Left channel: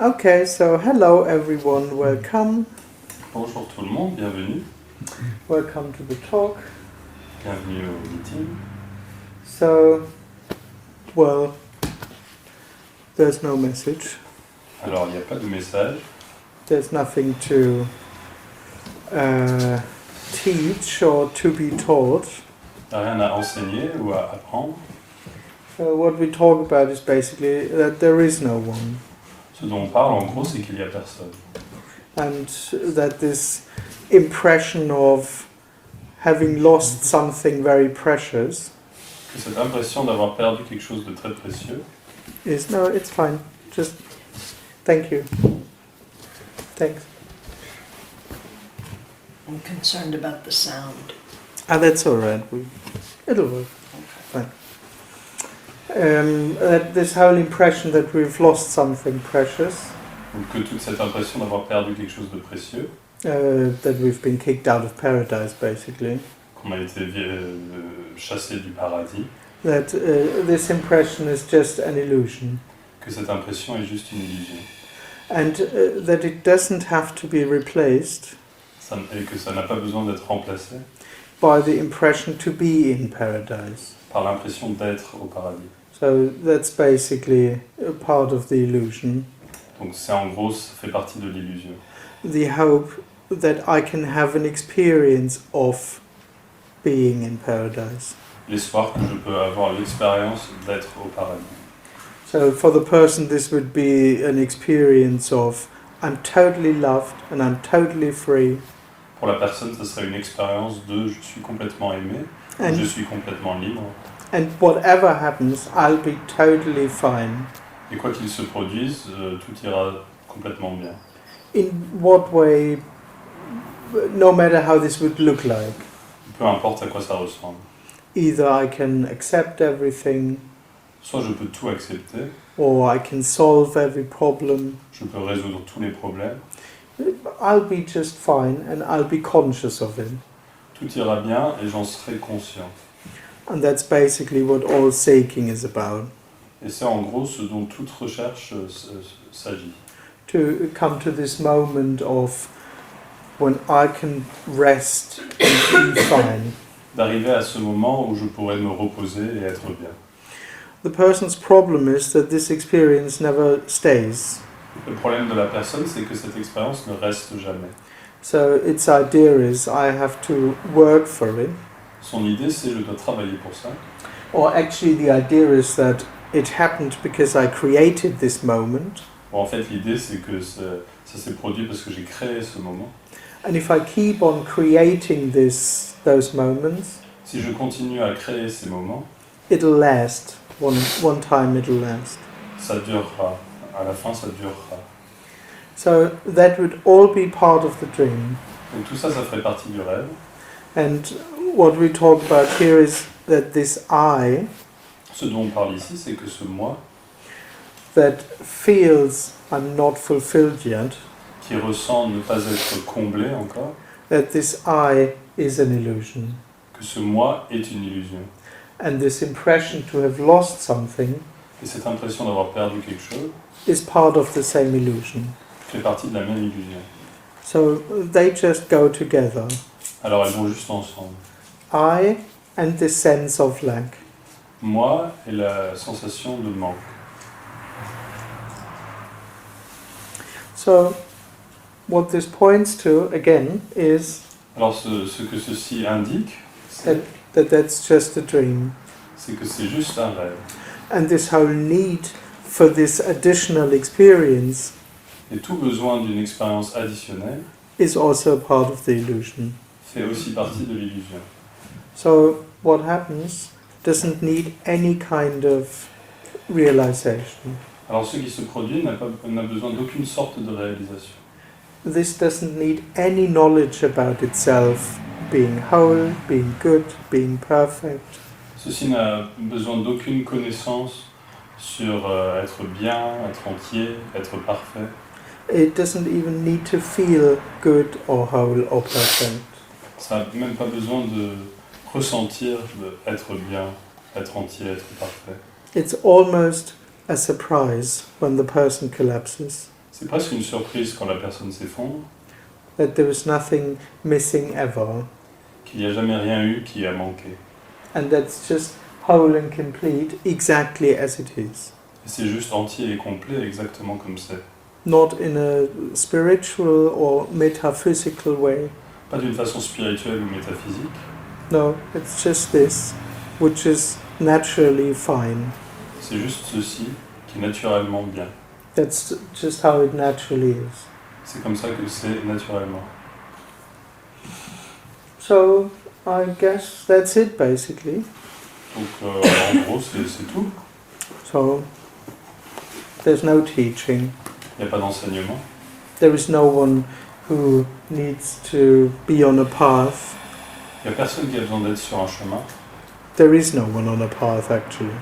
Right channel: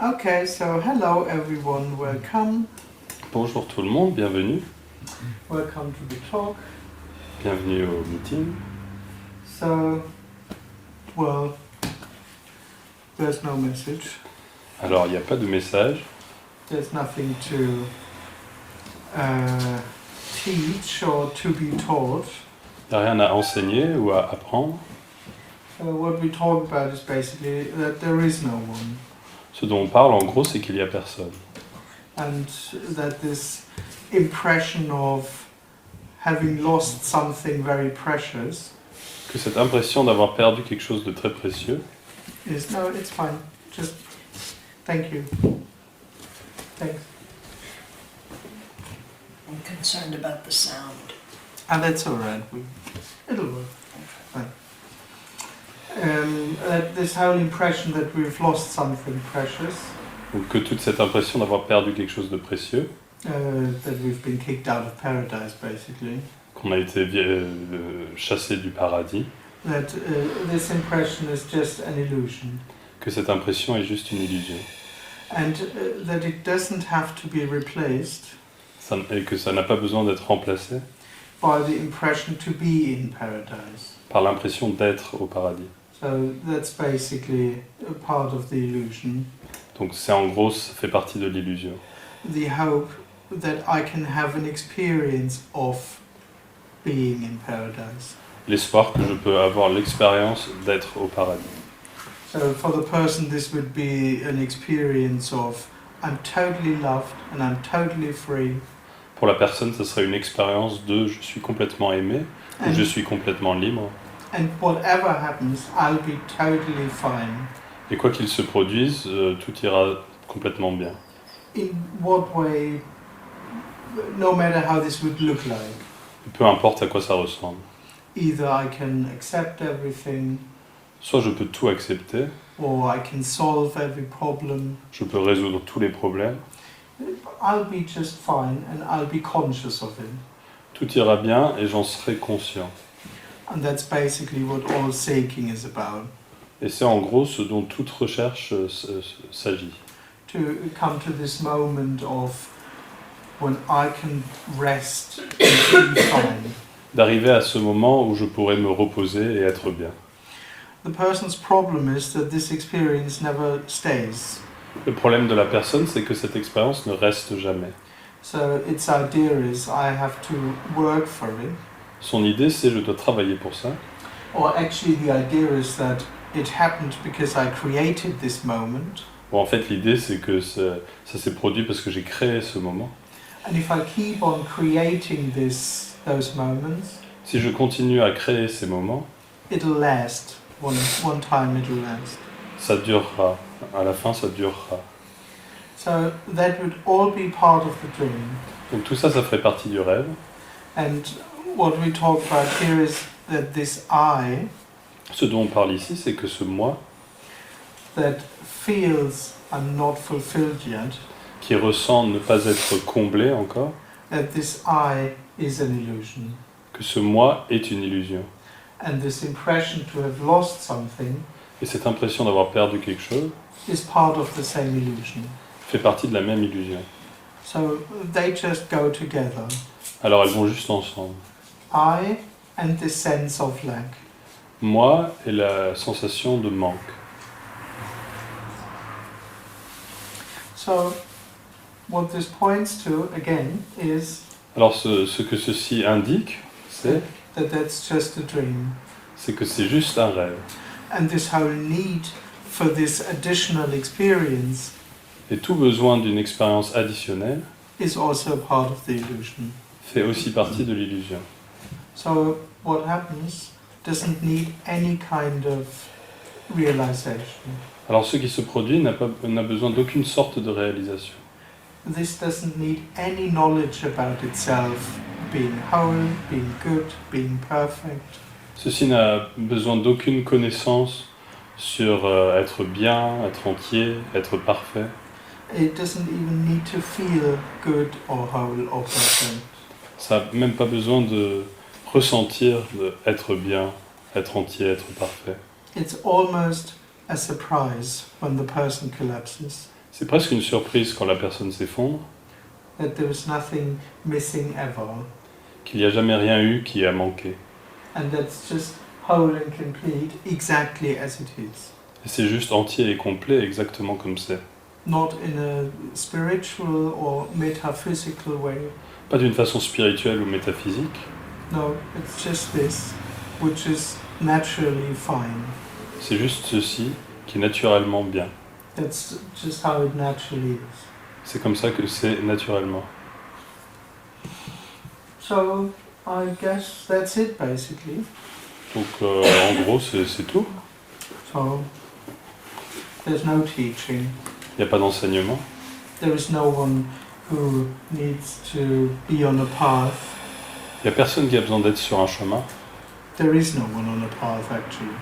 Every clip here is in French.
Okay, so hello everyone, welcome. Bonjour tout le monde, bienvenue. Welcome to the talk. Bienvenue au meeting. So, well, there's no message. Alors, il n'y a pas de message. There's nothing to teach or to be taught. Il n'y a rien à enseigner ou à apprendre. What we talk about is basically that there is no one. Ce dont on parle, en gros, c'est qu'il n'y a personne. And that this impression of having lost something very precious Que cette impression d'avoir perdu quelque chose de très précieux. is, no, it's fine. Just, thank you. Thanks. I'm concerned about the sound. That's all right. It'll work. Fine. This whole impression that we've lost something precious. Donc que toute cette impression d'avoir perdu quelque chose de précieux. That we've been kicked out of paradise, basically. Qu'on a été chassé du paradis. That this impression is just an illusion. Que cette impression est juste une illusion. And that it doesn't have to be replaced. Et que ça n'a pas besoin d'être remplacé. By the impression to be in paradise. Par l'impression d'être au paradis. So that's basically a part of the illusion. Donc c'est en gros, ça fait partie de l'illusion. The hope that I can have an experience of being in paradise. L'espoir que je peux avoir l'expérience d'être au paradis. So for the person this would be an experience of I'm totally loved and I'm totally free. Pour la personne, ce serait une expérience de je suis complètement aimé, And, je suis complètement libre. and whatever happens, I'll be totally fine. Et quoi qu'il se produise, tout ira complètement bien. In what way, no matter how this would look like. Peu importe à quoi ça ressemble. Either I can accept everything, Soit je peux tout accepter, or I can solve every problem. je peux résoudre tous les problèmes, I'll be just fine and I'll be conscious of it. tout ira bien et j'en serai conscient. And that's basically what all seeking is about. Et c'est en gros ce dont toute recherche s'agit. To come to this moment of when I can rest and be fine. D'arriver à ce moment où je pourrais me reposer et être bien. The person's problem is that this experience never stays. Le problème de la personne, c'est que cette expérience ne reste jamais. So its idea is I have to work for it. Son idée, c'est je dois travailler pour ça. Or actually the idea is that it happened because I created this moment. Bon, en fait, l'idée, c'est que ça s'est produit parce que j'ai créé ce moment. And if I keep on creating those moments, Si je continue à créer ces moments, it'll last. One time it'll last. ça durera. À la fin, ça durera. So that would all be part of the dream. Donc tout ça, ça ferait partie du rêve. And what we talk about here is that this I, Ce dont on parle ici, c'est que ce moi, that feels I'm not fulfilled yet, qui ressent ne pas être comblé encore, that this I is an illusion. que ce moi est une illusion. And this impression to have lost something Et cette impression d'avoir perdu quelque chose is part of the same illusion. fait partie de la même illusion. So they just go together. Alors elles vont juste ensemble. I and this sense of lack. Moi et la sensation de manque. So what this points to, again, is Alors ce que ceci indique, that that's just a dream. c'est que c'est juste un rêve. And this whole need for this additional experience Et tout besoin d'une expérience additionnelle is also part of the illusion. fait aussi partie de l'illusion. So what happens doesn't need any kind of realization. Alors ce qui se produit n'a besoin d'aucune sorte de réalisation. This doesn't need any knowledge about itself being whole, being good, being perfect. Ceci n'a besoin d'aucune connaissance sur être bien, être entier, être parfait. It doesn't even need to feel good or whole or perfect. Ça n'a même pas besoin de ressentir d'être bien être entier, être parfait. It's almost a surprise when the person collapses, C'est presque une surprise quand la personne s'effondre, that there is nothing missing ever, qu'il n'y a jamais rien eu qui a manqué. and that's just whole and complete exactly as it is. Et c'est juste entier et complet exactement comme c'est. Not in a spiritual or metaphysical way. Pas d'une façon spirituelle ou métaphysique, No, it's just this, which is naturally fine. c'est juste ceci qui est naturellement bien. That's just how it naturally is. C'est comme ça que c'est naturellement. So, I guess that's it basically. Donc en gros c'est tout. So, there's no teaching. Il n'y a pas d'enseignement. There is no one who needs to be on a path. Il n'y a personne qui a besoin d'être sur un chemin. There is no one on a path actually.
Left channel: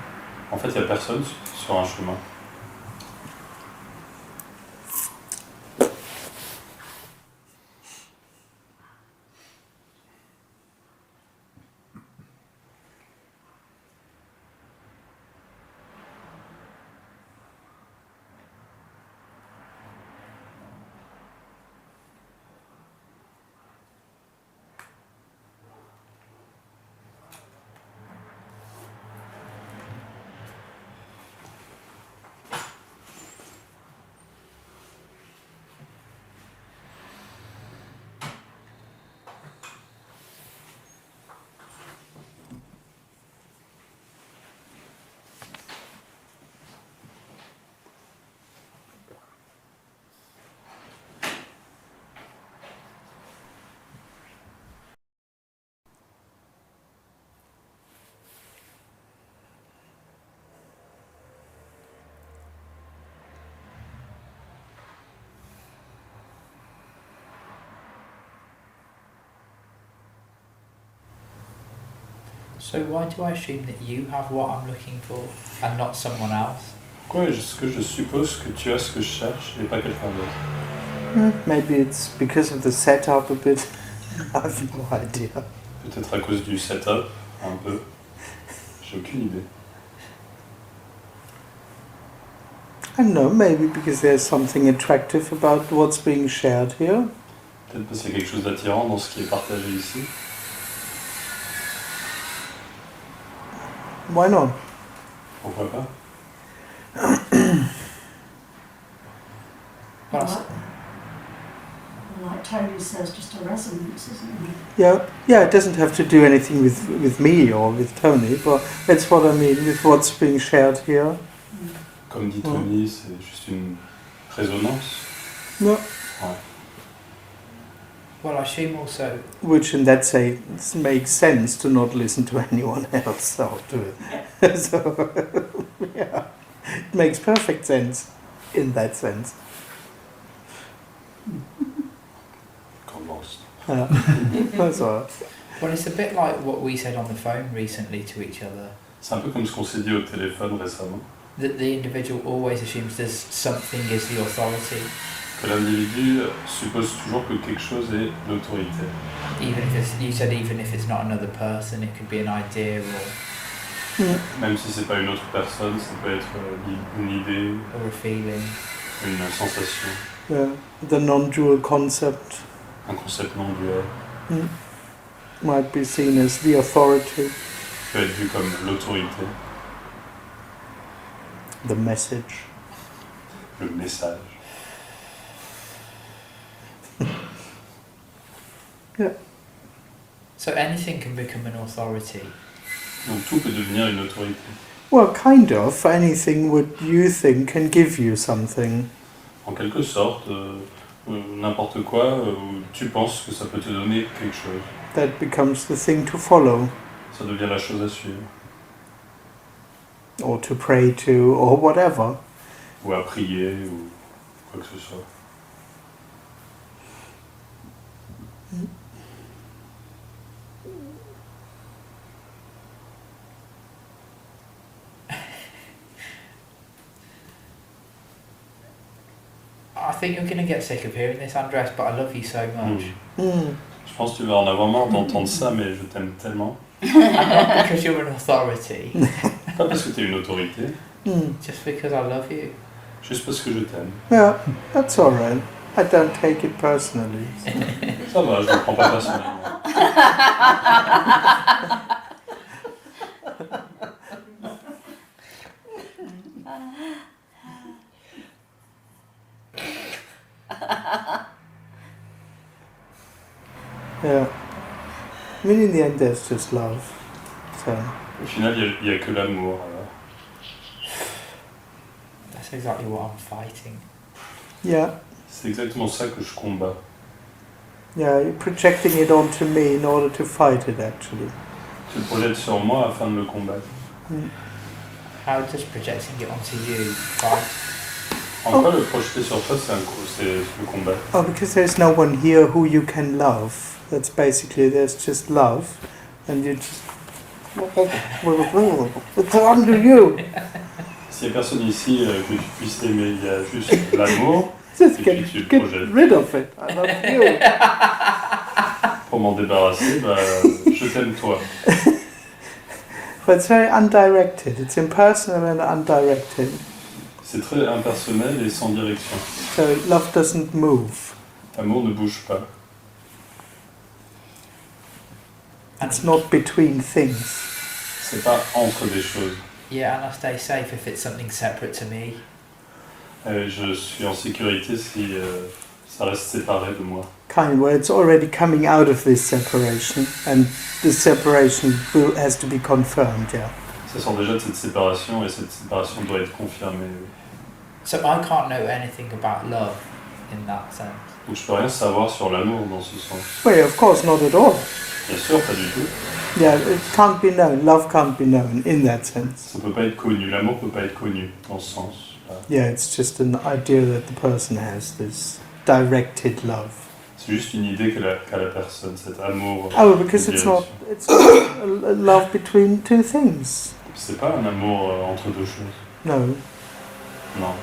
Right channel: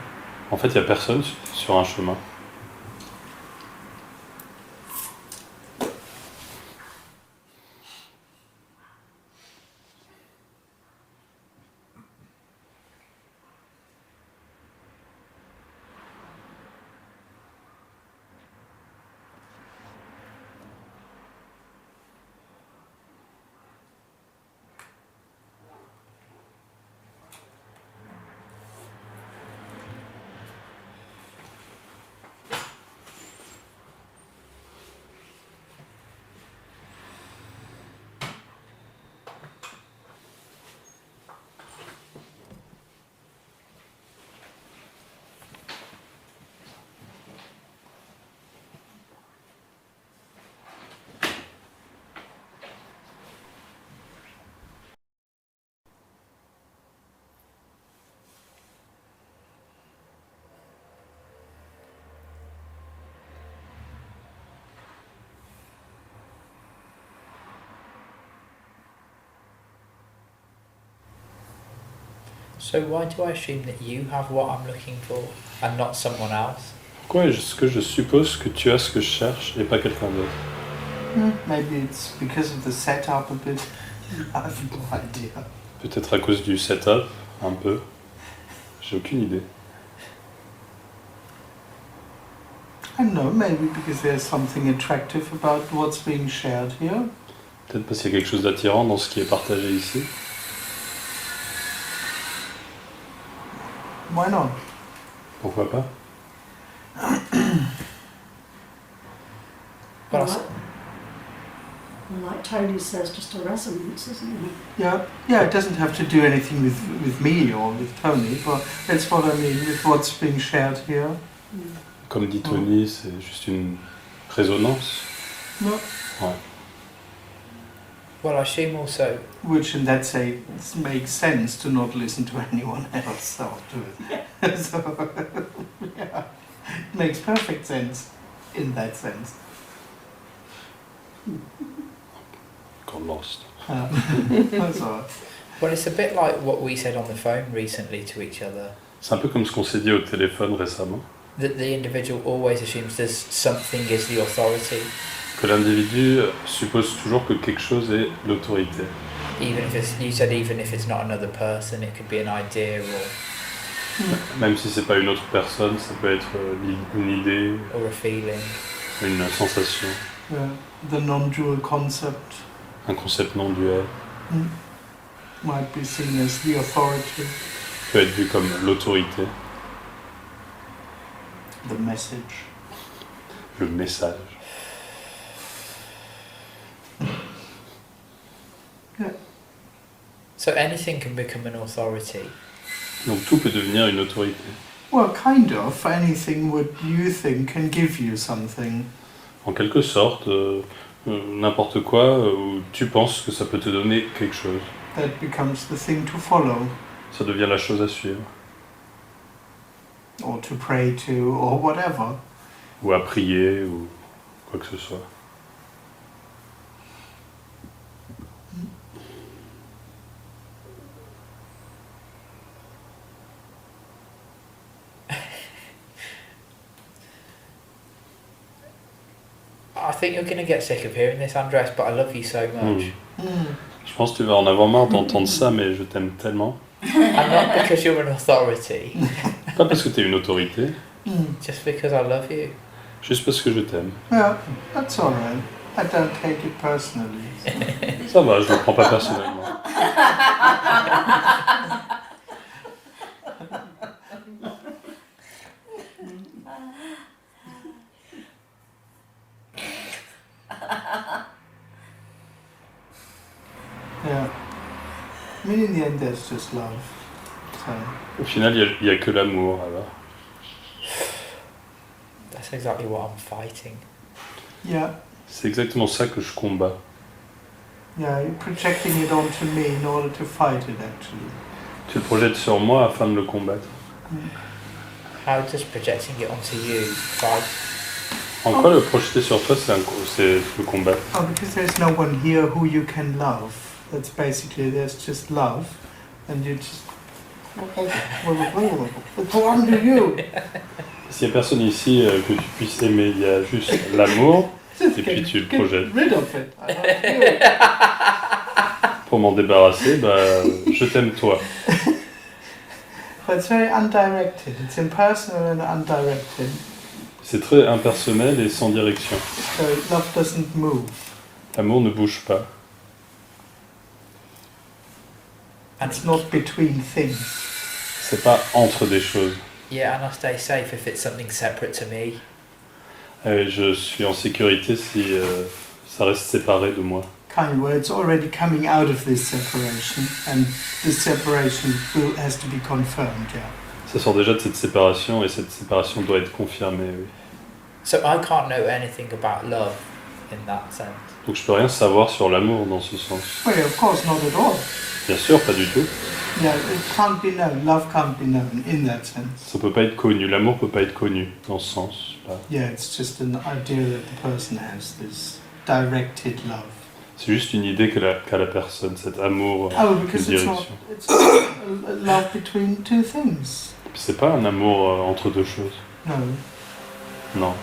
En fait, il n'y a personne sur un chemin. So why do I assume that you have what I'm looking for and not someone else? Pourquoi est-ce que je suppose que tu as ce que je cherche et pas quelqu'un d'autre? Maybe it's because of the setup a bit. I have no idea. Peut-être à cause du setup, un peu. J'ai aucune idée. I don't know, maybe because there's something attractive about what's being shared here. Peut-être parce qu'il y a quelque chose d'attirant dans ce qui est partagé ici. Why not? Pourquoi pas? Well, Like Tony says, just a resonance, isn't it? Yeah, it doesn't have to do anything with me or with Tony, but that's what I mean with what's being shared here. Comme dit Tony, c'est juste une résonance. No. Ouais. well, I assume also Which in that sense makes sense to not listen to anyone else or to it. So, yeah, it makes perfect sense in that sense. Got lost. That's all. well, it's a bit like what we said on the phone recently to each other. C'est un peu comme ce qu'on s'est dit au téléphone récemment. That the individual always assumes there's something is the authority, Que l'individu suppose toujours que quelque chose est l'autorité. even if it's, you said even if it's not another person, it could be an idea Même si c'est pas une autre personne, ça peut être une idée, or a feeling. une sensation, The non-dual concept un concept non duel. might be seen as the authority, Peut être vu comme l'autorité, the message. le message. So anything can become an authority. Donc tout peut devenir une autorité. Well, kind of. Anything what you think can give you something. En quelque sorte, n'importe quoi où tu penses que ça peut te donner quelque chose. That becomes the thing to follow, Ça devient la chose à suivre. or to pray to, or whatever. Ou à prier, ou quoi que ce soit. I think you're going to get sick of hearing this, Andreas, but I love you so much. Mm. Je pense que tu vas en avoir marre d'entendre ça, mais je t'aime tellement. And not because you're an authority, Pas parce que t'es une autorité, just because I love you. juste parce que je t'aime. Yeah, that's all right. I don't take it personally. Ça va, je ne le prends pas personnellement. Yeah. I mean, in the end, there's just love. So. Au final, il n'y a que l'amour, alors. That's exactly what I'm fighting. Yeah. C'est exactement ça que je combats. Yeah, you're projecting it onto me in order to fight it, actually. Tu le projettes sur moi afin de le combattre. How does projecting it onto you fight? En quoi le projeter sur toi, c'est le combattre? Oh, because there's no one here who you can love. That's basically, there's just love, and you just... It's under you. S'il n'y a personne ici que tu puisses aimer, il y a juste l'amour, Just et puis tu le get projettes. rid of it. I love you. Pour m'en débarrasser, je t'aime toi. But it's very undirected. It's impersonal and undirected. C'est très impersonnel et sans direction. So love doesn't move. L'amour ne bouge pas. It's not between things. C'est pas entre des choses. Yeah, and I stay safe if it's something separate to me. Je suis en sécurité si ça reste séparé de moi. Kind where it's already coming out of this separation, and this separation has to be confirmed. Yeah. Ça sort déjà de cette séparation et cette séparation doit être confirmée. Oui. So I can't know anything about love in that sense. Donc je peux rien savoir sur l'amour dans ce sens. Well, of course, not at all. Bien sûr, pas du tout. Yeah, it can't be known. Love can't be known in that sense. Ça peut pas être connu. L'amour peut pas être connu dans ce sens. Yeah, it's just an idea that the person has, this directed love. C'est juste une idée qu'a la personne, cet amour. Oh, because it's not. It's a love between two things. C'est pas un amour entre deux choses. No. Non.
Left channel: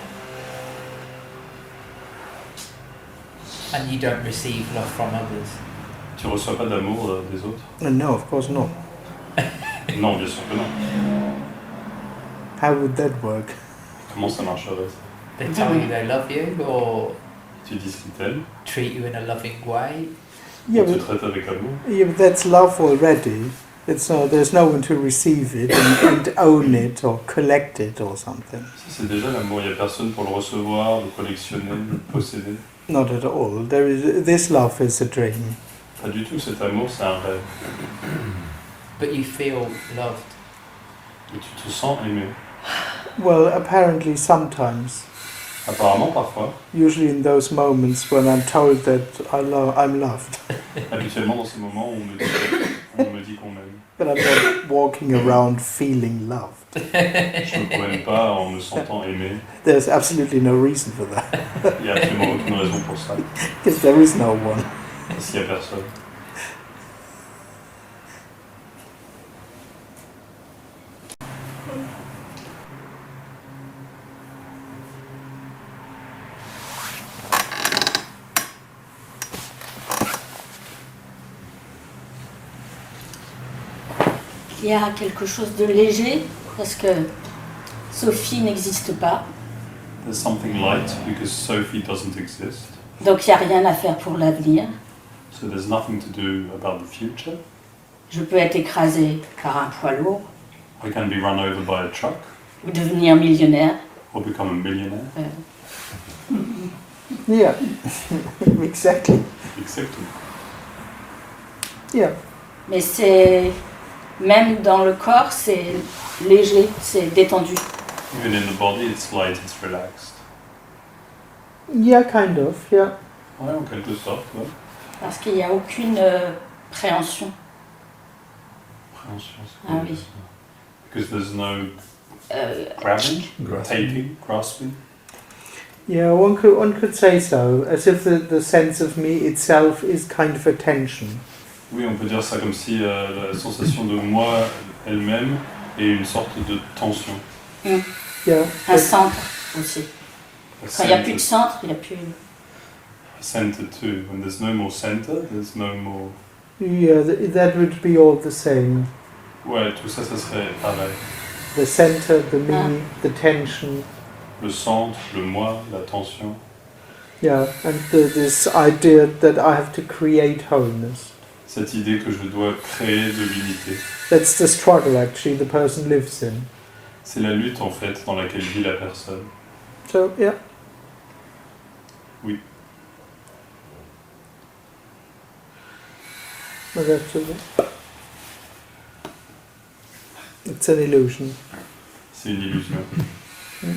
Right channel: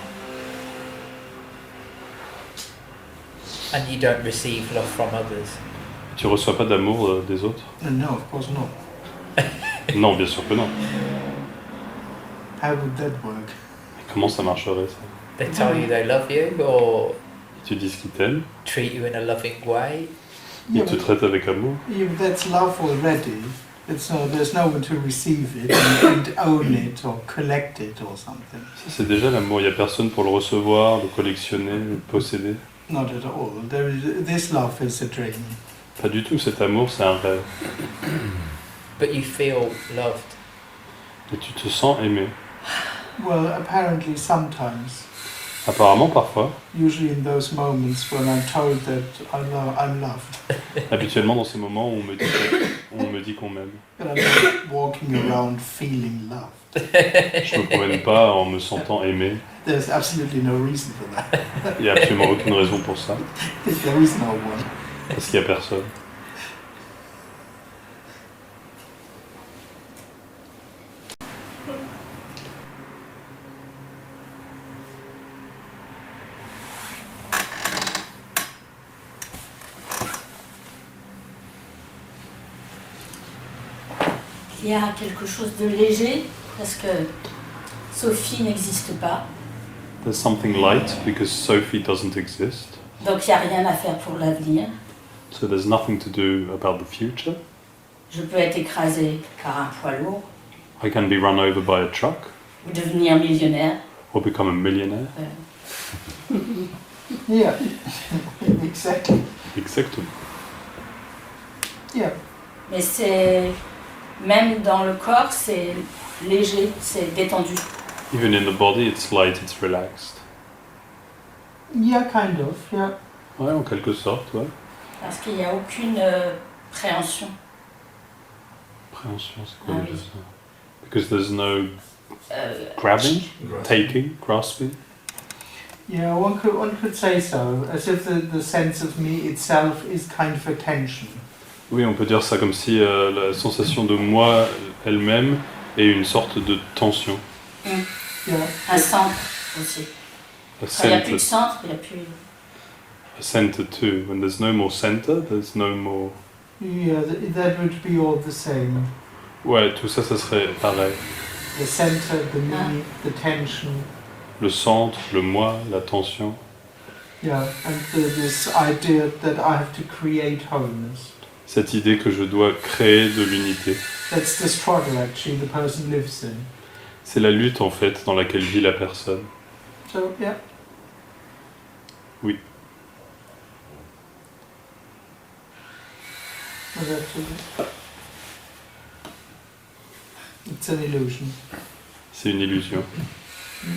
And you don't receive love from others. Tu reçois pas d'amour des autres? No, of course not. Non, bien sûr que non. How would that work? Comment ça marcherait ça? They tell you they love you or Tu dis qu'ils t'aiment, treat you in a loving way. Yeah, ils te but, traitent avec amour. yeah, but that's love already. It's there's no one to receive it and own it or collect it or something. Ça, c'est déjà l'amour. Il n'y a personne pour le recevoir, le collectionner, le posséder. Not at all. This love is a dream. Pas du tout. Cet amour, c'est un rêve. But you feel loved. Et tu te sens aimé. Well, apparently sometimes. Apparemment, parfois. Usually in those moments when I'm told that I'm loved. Habituellement, dans ces moments où on me dit qu'on m'aime. But I'm not walking around feeling loved. Je ne me promène pas en me sentant aimé. There's absolutely no reason for that. Il n'y a absolument aucune raison pour ça. Because there is no one. Parce qu'il n'y a personne. Il y a quelque chose de léger parce que Sophie n'existe pas. There's something light because Sophie doesn't exist. Donc il n'y a rien à faire pour l'avenir. So there's nothing to do about the future. Je peux être écrasée par un poids lourd I can be run over by a truck ou devenir millionnaire. or become a millionaire. Yeah, exactly. Exactement. Yeah. Mais c'est même dans le corps, c'est léger, c'est détendu. Even in the body, it's light, it's relaxed. Yeah, kind of. Yeah. Ouais, en quelque sorte, ouais. Parce qu'il n'y a aucune préhension. Préhension, c'est Ah quoi oui. ça? Because there's no grabbing, taking, grasping. Yeah, one could say so, as if the sense of me itself is kind of a tension. Oui, on peut dire ça comme si la sensation de moi elle-même est une sorte de tension. Yeah. Un centre aussi. A Quand il n'y a plus de center, centre, il n'y a plus... a center too. When there's no more center, there's no more. Yeah, that would be all the same. Ouais, tout ça, ça serait pareil. The center, the me, the tension. Le centre, le moi, la tension. Yeah, and this idea that I have to create wholeness. Cette idée que je dois créer de l'unité. That's the struggle actually the person lives in. C'est la lutte en fait dans laquelle vit la personne. So, yeah. Oui. Well, that's it. It's an illusion. C'est une illusion. Mais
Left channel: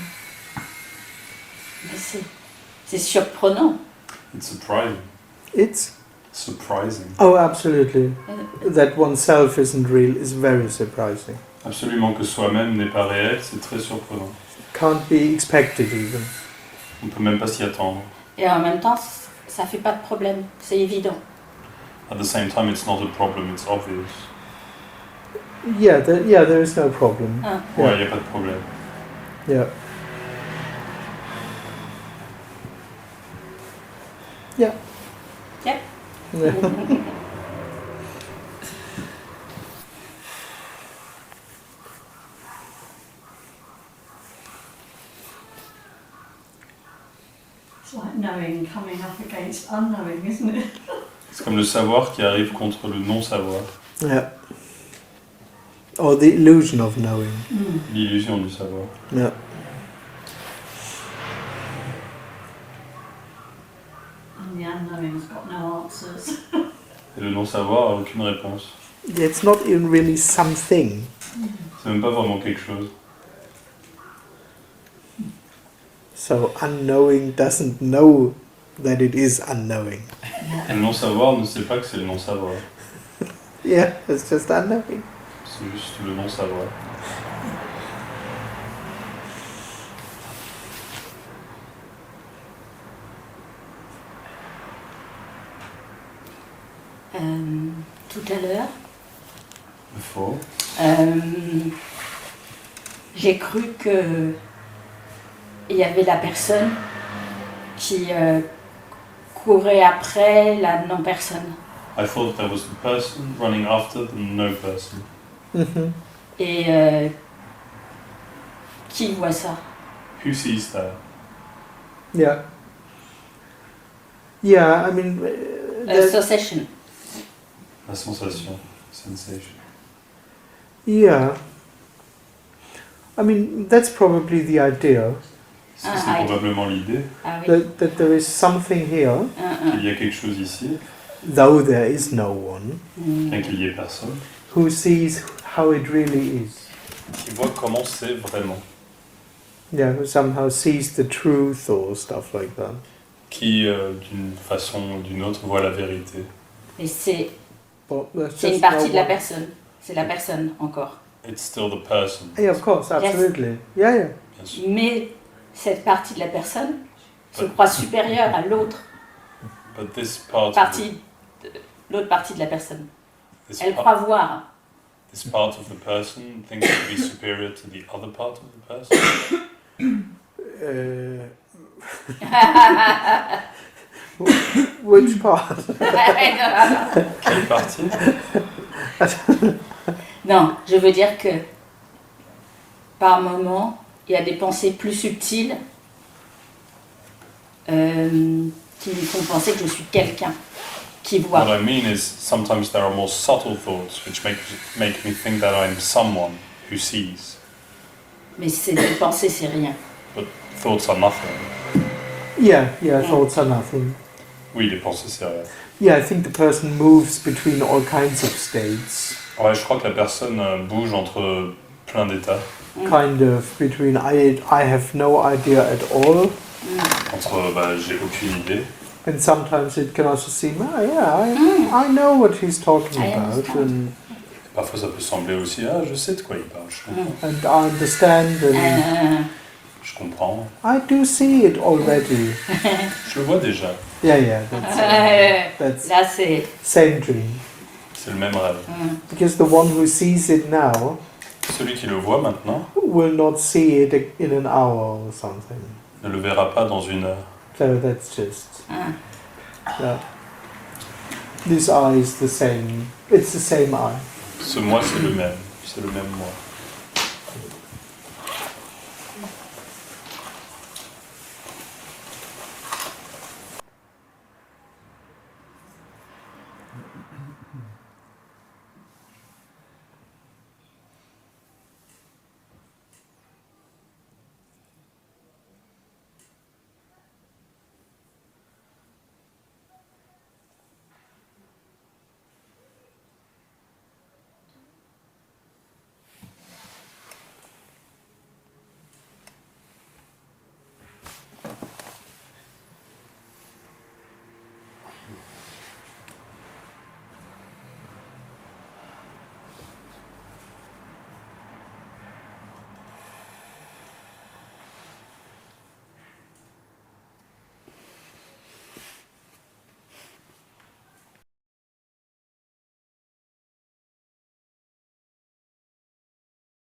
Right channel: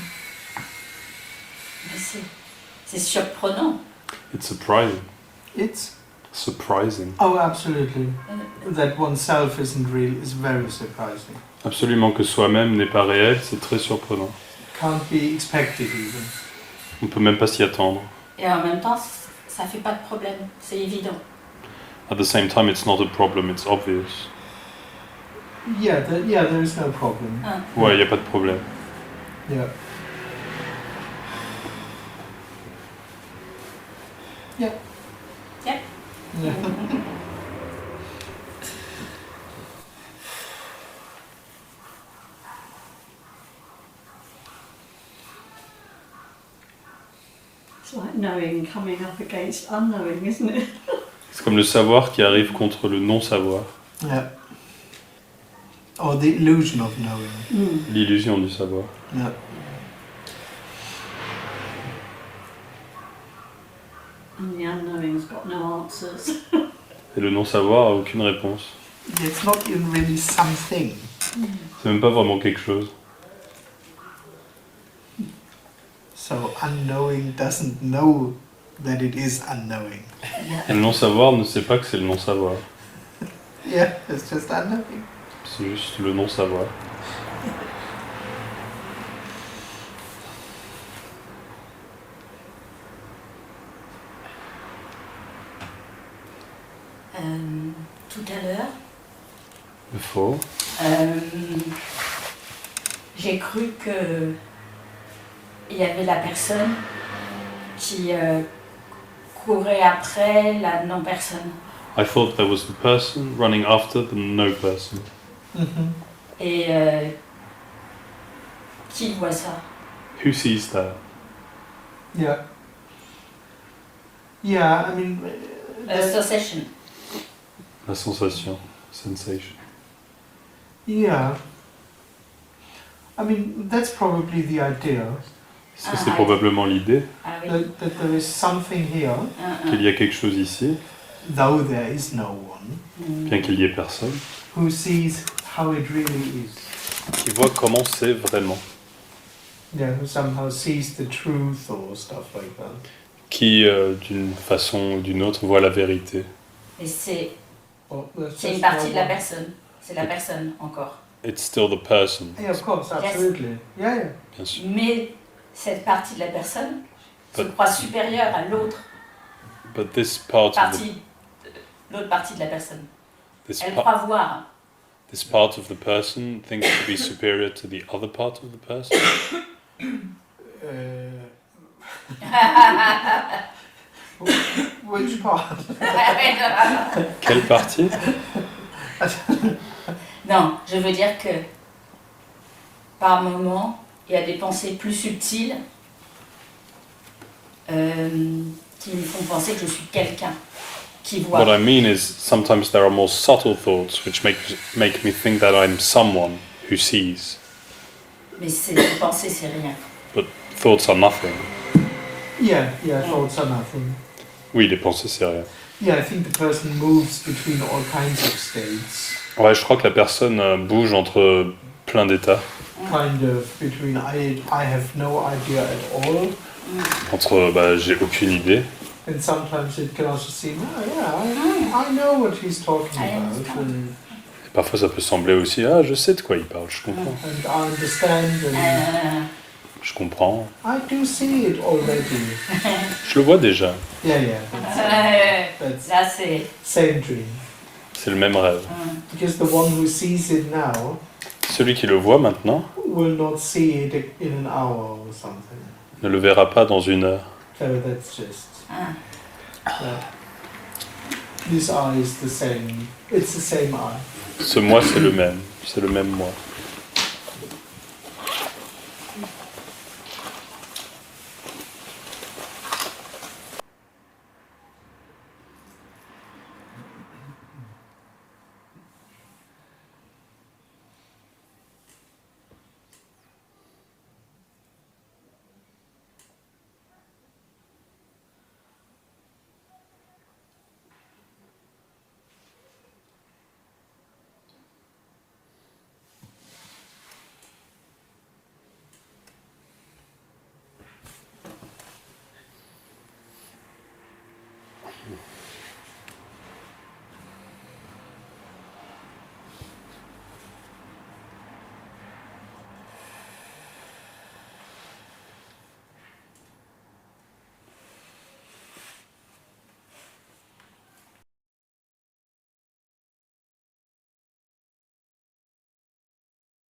c'est surprenant. It's surprising. It's Surprising. oh, absolutely. That oneself isn't real is very surprising. Absolument que soi-même n'est pas réel, c'est très surprenant. Can't be expected even. On peut même pas s'y attendre. Et en même temps, ça fait pas de problème, c'est évident. At the same time, it's not a problem, it's obvious. Yeah, there is no problem. Ah. Ouais, il n'y a pas de problème. Yeah. Yeah. Yep. Yeah. It's like knowing coming up against unknowing, isn't it? C'est comme le savoir qui arrive contre le non-savoir. Yeah. Or the illusion of knowing. L'illusion du savoir. Yeah. And the unknowing's got no answers. Et le non-savoir a aucune réponse. It's not even really something. C'est même pas vraiment quelque chose. So unknowing doesn't know that it is unknowing. Et le non-savoir ne sait pas que c'est le non-savoir. Yeah, it's just unknowing. C'est juste le non-savoir. Tout à l'heure, Faux. j'ai cru que il y avait la personne qui courait après la non-personne. I thought there was the person running after the no person. Mm-hmm. Et qui voit ça? Who sees that? Yeah. Yeah, I mean, Association. La sensation, sensation. yeah. I mean, that's probably the idea Ça, c'est probablement l'idée Ah oui. that there is something here, qu'il y a quelque chose ici, though there is no one, bien qu'il y ait personne, who sees how it really is. qui voit comment c'est vraiment, Yeah, who somehow sees the truth or stuff like that. qui d'une façon ou d'une autre voit la vérité. Et c'est Well, that's une just partie no de la one. personne. C'est la personne encore. It's still the person, Yeah, of course, absolutely. Yeah, yeah. bien sûr. Mais cette partie de la personne se But- croit supérieure à l'autre But this part of partie, l'autre partie de la personne. this, Elle par- croit voir. this part of the person thinks to be superior to the other part of the person. Which part? Quelle partie? Non, je veux dire que par moment, il y a des pensées plus subtiles qui me font penser que je suis quelqu'un qui voit. What I mean is sometimes there are more subtle thoughts which make me think that I'm someone who sees. Mais c'est des pensées, c'est rien. But thoughts are nothing. Yeah, thoughts are nothing. Oui, les pensées, c'est rien. Yeah, I think the person moves between all kinds of states. Ouais, je crois que la personne bouge entre plein d'états. Kind of between I have no idea at all, Entre j'ai aucune idée. and sometimes it can also seem, oh yeah, I know what he's talking I about, understand. Et parfois, ça peut sembler aussi, ah, je sais de quoi il parle, je comprends. and I understand, and Je comprends. I do see it already. Je le vois déjà. Yeah, that's Là, c'est... same dream. C'est le même rêve. Because the one who sees it now Celui qui le voit maintenant will not see it in an hour or something. ne le verra pas dans une heure. So that's just. This eye is the same. It's the same eye. Ce moi, c'est le même. c'est le même moi.